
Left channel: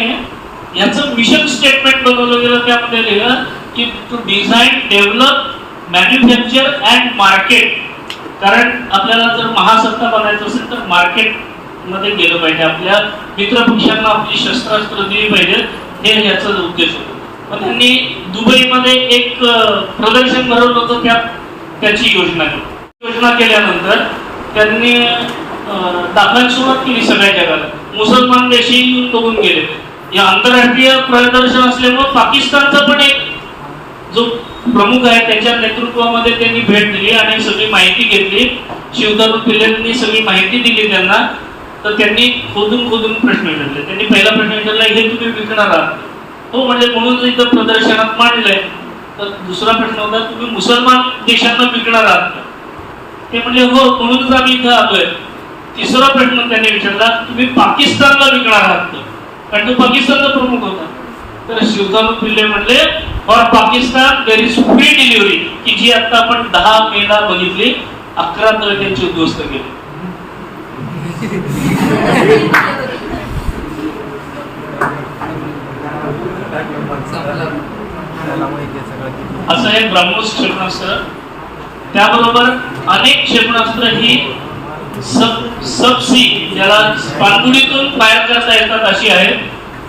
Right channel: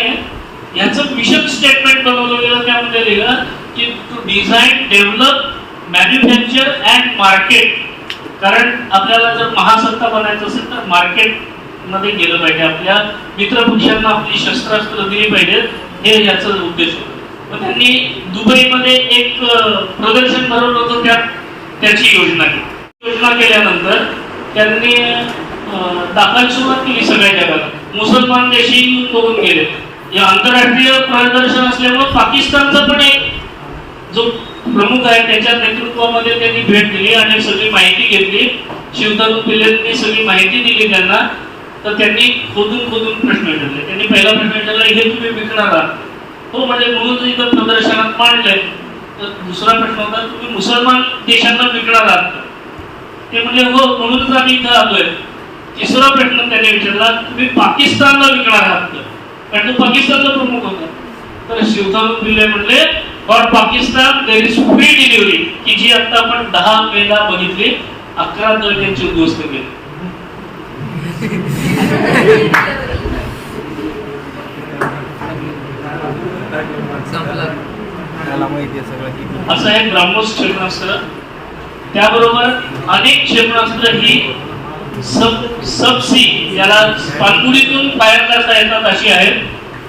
याचं मिशन स्टेटमेंट बनवलं गेलं त्यामध्ये लिहिलं की to design develop manufacture and market कारण आपल्याला जर महासत्ता बनायचं असेल तर मार्केटमध्ये गेलं पाहिजे. आपल्या मित्रपक्षांना आपली शस्त्रास्त्र दिली पाहिजेत हे याचा उद्देश होतो. मग त्यांनी दुबईमध्ये एक प्रदर्शन भरवलं होतं त्या त्याची योजना केली. योजना केल्यानंतर त्यांनी दाखवायला सुरुवात केली सगळ्या जगाला मुसलमान देशही करून गेले. या आंतरराष्ट्रीय प्रदर्शन असल्यामुळे पाकिस्तानचा पण एक जो प्रमुख आहे त्याच्या नेतृत्वामध्ये त्यांनी भेट दिली आणि सगळी माहिती घेतली. शिवतरुण पिल्लेंनी सगळी माहिती दिली त्यांना. तर त्यांनी खोदून खोदून प्रश्न विचारले त्यांनी पहिला प्रश्न विचारला हे तुम्ही विकणार आहात? तो म्हणजे म्हणून इथं प्रदर्शनात मांडलंय. तर दुसरा प्रश्न होता तुम्ही मुसलमान देशांना विकणार आहात ते म्हणजे हो म्हणूनच आम्ही इथं आलोय. तिसरा प्रश्न त्यांनी विचारला तुम्ही पाकिस्तानला विकणार आहात कारण तो पाकिस्तानचा प्रमुख होता. तर शिवकानू पिल्ले म्हणले for Pakistan there is free delivery की जी आता आपण दहा मेला बघितली अकरा तर त्यांचे उद्ध्वस्त केले असं हे ब्राह्मोस क्षेपणास्त्र. त्याबरोबर अनेक क्षेपणास्त्र ही सब सबसी ज्याला पाणबुडीतून बाहेर करता येतात अशी आहेत.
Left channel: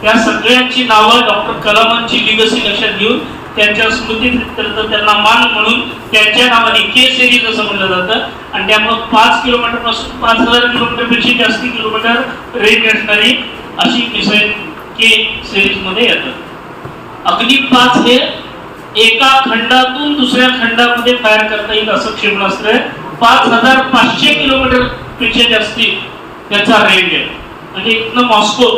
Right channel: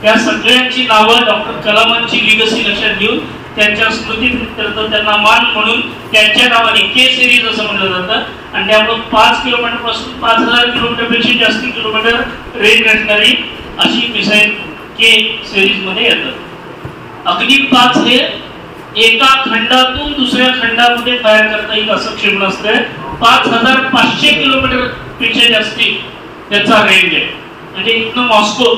त्या सगळ्यांची नावं डॉक्टर कलामांची लिगसी लक्षात घेऊन त्यांच्या स्मृतीप्रित्यर्थ त्यांना मान म्हणून त्यांच्या नावाने के सिरीज असं म्हणलं जातं. आणि त्यामुळे पाच किलोमीटरपासून पाच हजार किलोमीटरपेक्षा जास्त किलोमीटर रेंज असणारी अशी मिसाईल के सिरीजमध्ये येतात. अग्नि पाच हे एका खंडातून दुसऱ्या खंडामध्ये तयार करता येईल असं क्षेत्र असतंय पाच हजार पाचशे किलोमीटरपेक्षा जास्ती त्याचा रेंज आहे. म्हणजे इथनं मॉस्को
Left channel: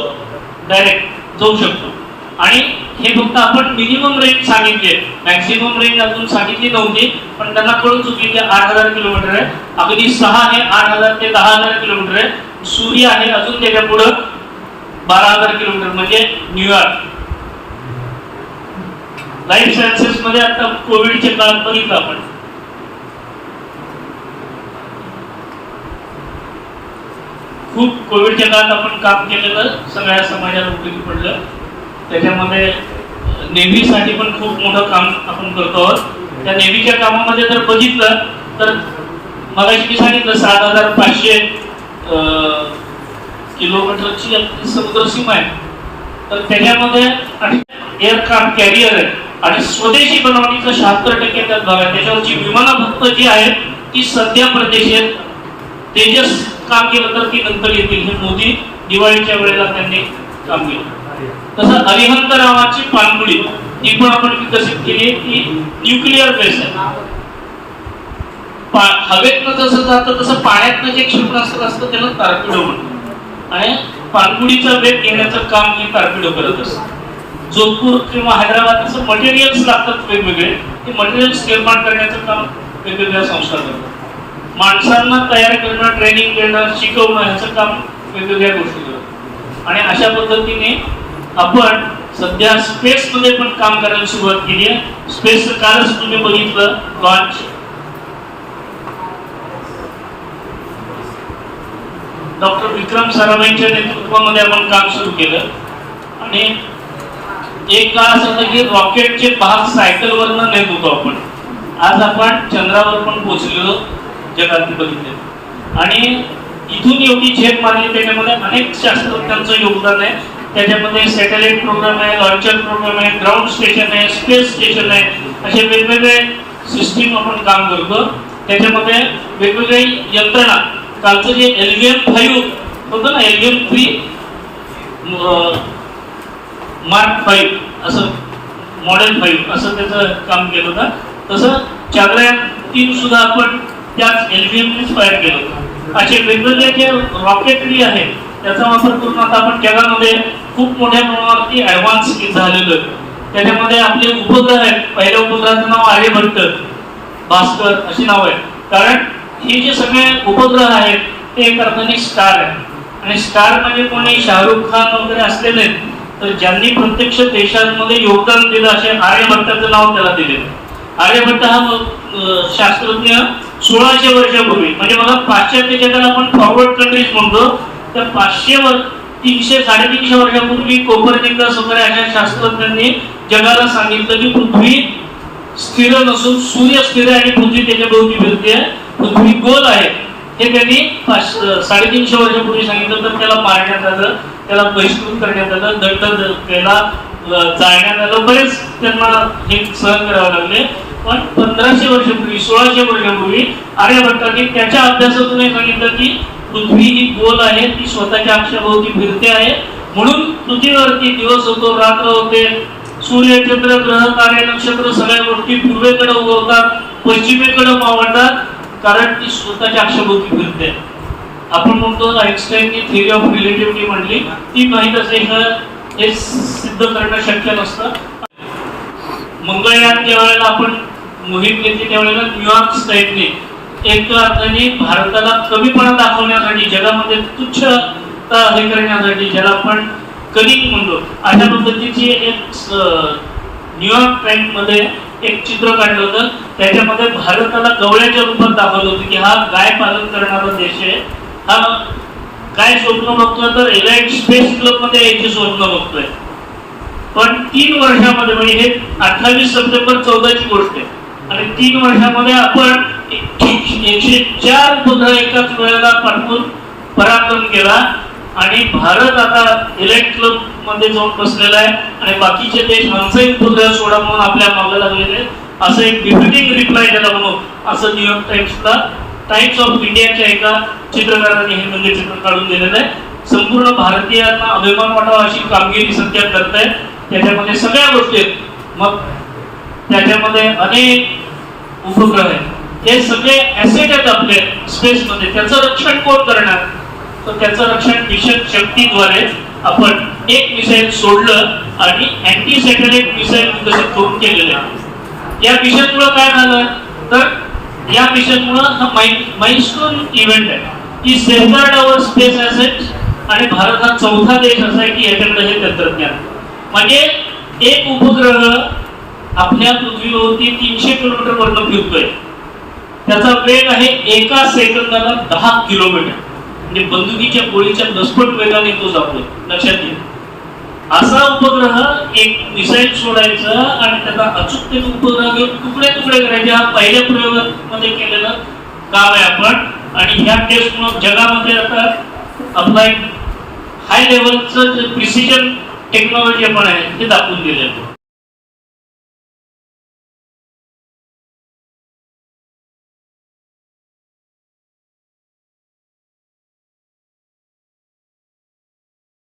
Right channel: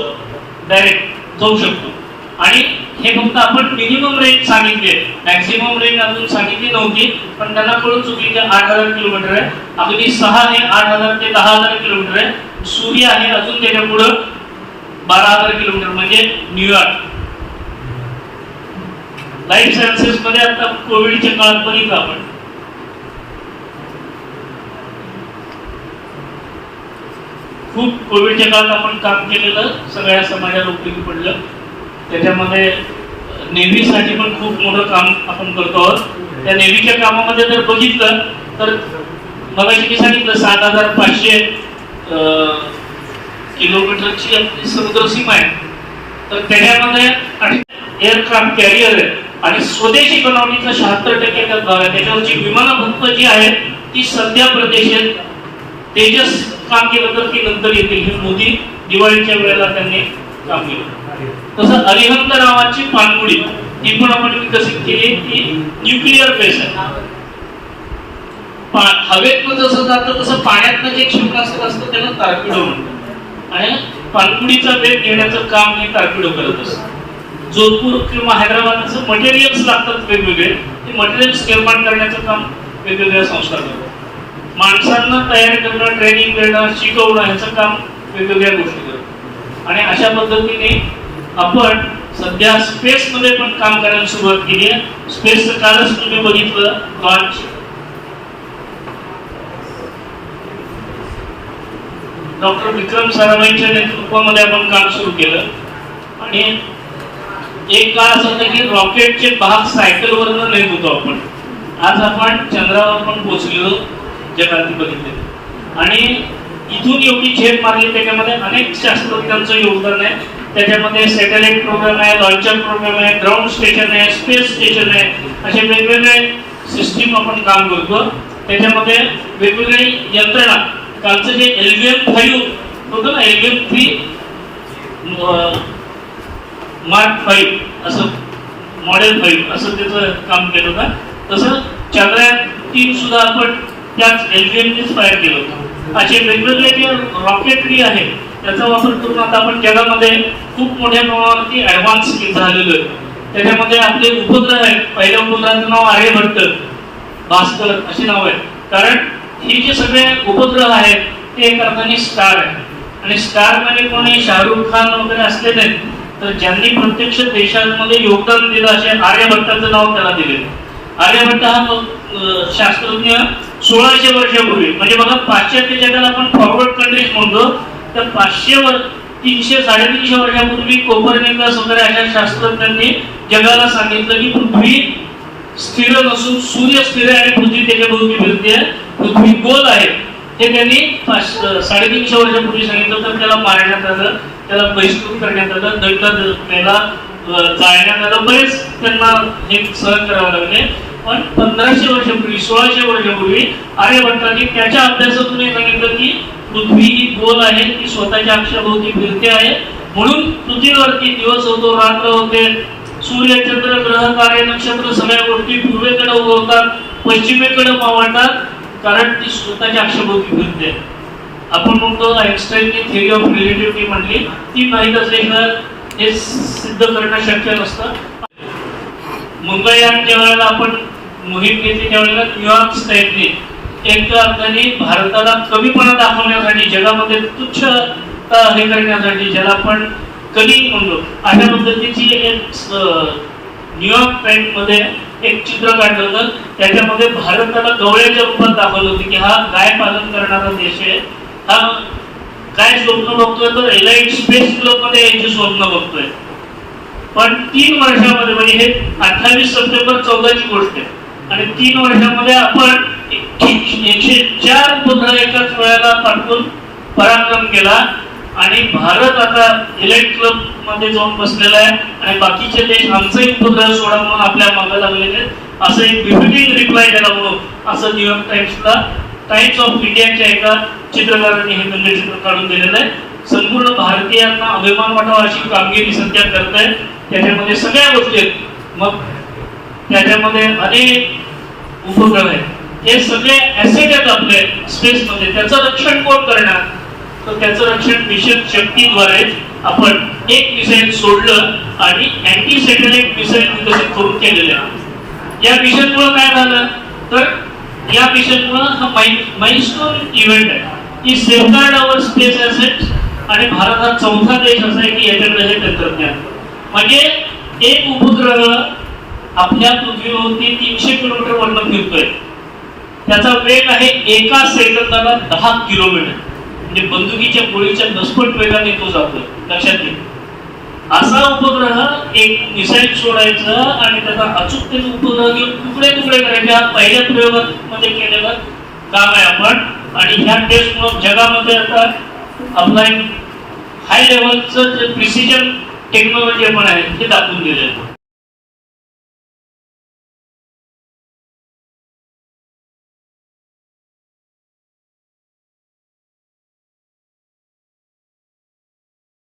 डायरेक्ट जाऊ शकतो. आणि हे फक्त आपण मिनिमम रेंज सांगितली मॅक्सिमम रेंज अजून सांगितली नव्हती पण त्यांना कळून चुकली आठ हजार किलोमीटर आहे. अगदी सहा हे आठ हजार ते दहा हजार किलोमीटर आहे. सूर्य आहे अजून त्याच्या पुढं बारा हजार किलोमीटर म्हणजे न्यूयॉर्क लाईफ सायन्सेस मध्ये आता कोविडच्या काळात बघितलं आपण. खूप कोविडच्या काळात आपण काम केलेलं सगळ्या समाजाला उपयोगी पडलं. त्याच्यामध्ये नेव्हीसाठी पण खूप मोठं काम आपण करतो आहोत. त्या नेव्हीच्या कामामध्ये जर बघितलं तर मला मी सांगितलं सात हजार पाचशे अं, किलोमीटरची आपली समुद्र सीमा आहे. तर त्याच्यामध्ये एअरक्राफ्ट कॅरियर आहे. आणि स्वदेशी बनवणीचं शहात्तर टक्के त्यात भाग आहे. त्याच्यावरची विमानं फक्त जी आहेत ती सध्या प्रदेशात तेजस काम केलं तर ती नंतर येतील हे मोदी दिवाळीच्या वेळेला त्यांनी काम केलं तसं अरिहंत रावाची पाणबुडी ती पण आपण विकसित केली ती न्यूक्लिअर बेस आहे. पा- हवेतनं जसं जातं तसं पाण्यातनं जे क्षेपणास्त्र असतं त्याला तारपिडो म्हणतो आणि पाणबुडीचा वेग घेण्याचं काम हे तारपिडो करत असतं. जोधपूर किंवा हैदराबाद असं मटेरियल्स लागतात वेगवेगळे ते मटेरियल्स निर्माण करण्याचं काम वेगवेगळ्या संस्था करतात माणसांना तयार करणं ट्रेनिंग देणं शिकवणं ह्याचं काम वेगवेगळ्या गोष्टी करतो आणि अशा पद्धतीने आपण सध्या स्पेस मध्ये पण काम करायला सुरुवात केली आहे. स्पेसचं कालच तुम्ही बघितलं लॉन्च डॉक्टर विक्रम साराभाईंच्या नेतृत्वामध्ये आपण काम सुरू केलं. आणि एक काळ असं होतं की रॉकेटचे भाग सायकलवरनं नेत होतो आपण. आज आपण चंद्रावर पण पोहोचलेलो. जगात बघितले. आणि इथून योगी झेप मारली त्याच्यामध्ये अनेक शास्त्रज्ञांचं योगदान आहे. त्याच्यामध्ये सॅटेलाइट प्रोग्राम आहे लॉन्चर प्रोग्राम आहे ग्राउंड स्टेशन आहे स्पेस स्टेशन आहे. असे वेगवेगळे सिस्टीम आपण काम करतो. त्याच्यामध्ये वेगवेगळे यंत्रणा. कालचं जे एलव्हीएम फाईव्ह होतं ना एलव्हीएम थ्री? मार्क फाईव्ह असं मॉडेल फाईव्ह असं त्याचं काम केलं होतं. तसं चांगल्या तीन सुद्धा आपण त्याच एलव्हीएमनेच फायर केलं होतं. असे वेगवेगळे जे रॉकेटरी आहे त्याचा वापर करून आता आपण जगामध्ये खूप मोठ्या प्रमाणावरती ऍडव्हान्स झालेलो आहे. त्याच्यामध्ये आपले उपग्रह आहेत. पहिल्या उपग्रहाचं नाव आर्यभट्ट भास्कर अशी नाव आहे कारण हे जे सगळे उपग्रह आहेत ते एक अर्थाने स्टार आहे आणि स्टार म्हणजे कोणी शाहरुख खान वगैरे असले नाहीत तर ज्यांनी प्रत्यक्ष देशांमध्ये योगदान दिलं असे आर्यभट्टाचं नाव त्याला दिले आर्यभट्ट हा जो, शास्त्रज्ञ सोळाशे वर्षापूर्वी. म्हणजे बघा पाश्चात्य जगाला आपण फॉरवर्ड कंट्रीज म्हणतो तर पाचशे वर तीनशे साडेतीनशे वर्षापूर्वी कोपरनिकस वगैरे अशा शास्त्रज्ञांनी जगाला सांगितलं की पृथ्वी स्थिर नसून सूर्य स्थिर आहे आणि पृथ्वी त्याच्या भोवती फिरते पृथ्वी गोल आहे. हे त्यांनी पाच- साडेतीनशे वर्षापूर्वी सांगितलं तर त्याला मारण्यात आलं त्याला बहिष्कृत करण्यात आलं दंड त्याला जाळण्यात आलं. बरेच त्यांना हे सहन करावं लागले. पण पंधराशे वर्षापूर्वी सोळाशे वर्षापूर्वी आर्यभट्टांनी त्याच्या अभ्यासातून सांगितलं की पृथ्वी ही गोल आहे ती स्वतःच्या अक्षाभोवती फिरते आहे. म्हणून पृथ्वीवरती दिवस होतो रात्र होते सूर्य चंद्र ग्रह कार्य नक्षत्र सगळ्या गोष्टी पूर्वेकडे उगवतात पश्चिमेकडे मावळतात कारण ती स्वतःच्या अक्षाभोवती फिरते. आपण म्हणतो आईन्स्टाईनची थिअरी ऑफ रिलेटिव्हिटी म्हणली. ती माहीत असल्याशिवाय हे सिद्ध करणं शक्य नसतं. मंगळयान ज्या वेळेला आपण मोहीम घेतली त्यावेळेला न्यूयॉर्क स्टेटने एक अर्थाने भारताला कमीपणा दाखवण्यासाठी जगामध्ये तुच्छता हे करण्यासाठी ज्याला आपण कधी म्हणलो अशा पद्धतीची एक न्यूयॉर्क टाइम्समध्ये एक चित्र काढलं होतं. त्याच्यामध्ये भारताला गवळ्याच्या रूपात दाखवलं होतं की हा गाय पालन करणारा देश आहे. हा काय स्वप्न बघतोय तर एलाइट स्पेस क्लबमध्ये यायचे स्वप्न बघतोय. पण तीन वर्षामध्ये म्हणजे हे अठ्ठावीस सप्टेंबर चौदाची गोष्ट आहे. आणि तीन वर्षामध्ये आपण एकशे चार पुतळे एकाच वेळेला पाठवून पराक्रम केला. आणि भारत आता इलेक्ट क्लबमध्ये जाऊन बसलेला आहे. आणि बाकीचे देश आमचे पुतळे सोडा म्हणून आपल्या मागे लागलेले आहेत. असं एक बिफिटिंग रिप्लाय द्यायला म्हणून असं न्यूयॉर्क टाइम्सला टाइम्स ऑफ इंडियाच्या एका चित्रकारांनी हे म्हणजे चित्र काढून दिलेलं आहे. संपूर्ण भारतीयांना अभिमान वाटावा अशी कामगिरी सध्या करत आहे त्याच्यामध्ये सगळ्या गोष्टी आहेत. मग त्याच्यामध्ये अनेक उपग्रह आहेत. हे सगळे ऍसेट आहेत आपले स्पेस मध्ये. त्याचं रक्षण कोण करणार? तर त्याचं रक्षण मिशन शक्तीद्वारे आपण एक मिसाईल सोडलं आणि अँटी सॅटेलाइट मिसाईल विकसित करून केलेलं आहे. या मिशनमुळे काय झालं? तर या मिशनमुळे हा माइलस्टोन इव्हेंट आहे. की सेफगार्ड अवर स्पेस ऍसेट आणि भारत हा चौथा देश असा आहे की याच्याकडे हे तंत्रज्ञान. म्हणजे एक उपग्रह आपल्या पृथ्वीवरती तीनशे किलोमीटर वरनं फिरतोय. त्याचा वेग आहे एका सेकंदाला दहा किलोमीटर. म्हणजे बंदुकीच्या गोळीच्या दसपट वेगाने तो जातोय. लक्षात घे. असा उपग्रह एक मिसाईल सोडायचा आणि त्याचा अचूकतेने उपग्रह घेऊन तुकडे तुकडे करायचे. हा पहिल्या प्रयोगामध्ये केलेलं काम आहे आपण. आणि ह्या टेस्ट मग जगामध्ये आता अप्लाय हाय लेवलचं जे प्रिसिजन टेक्नॉलॉजी आपण आहे ते दाखवून दिलेलं आहे.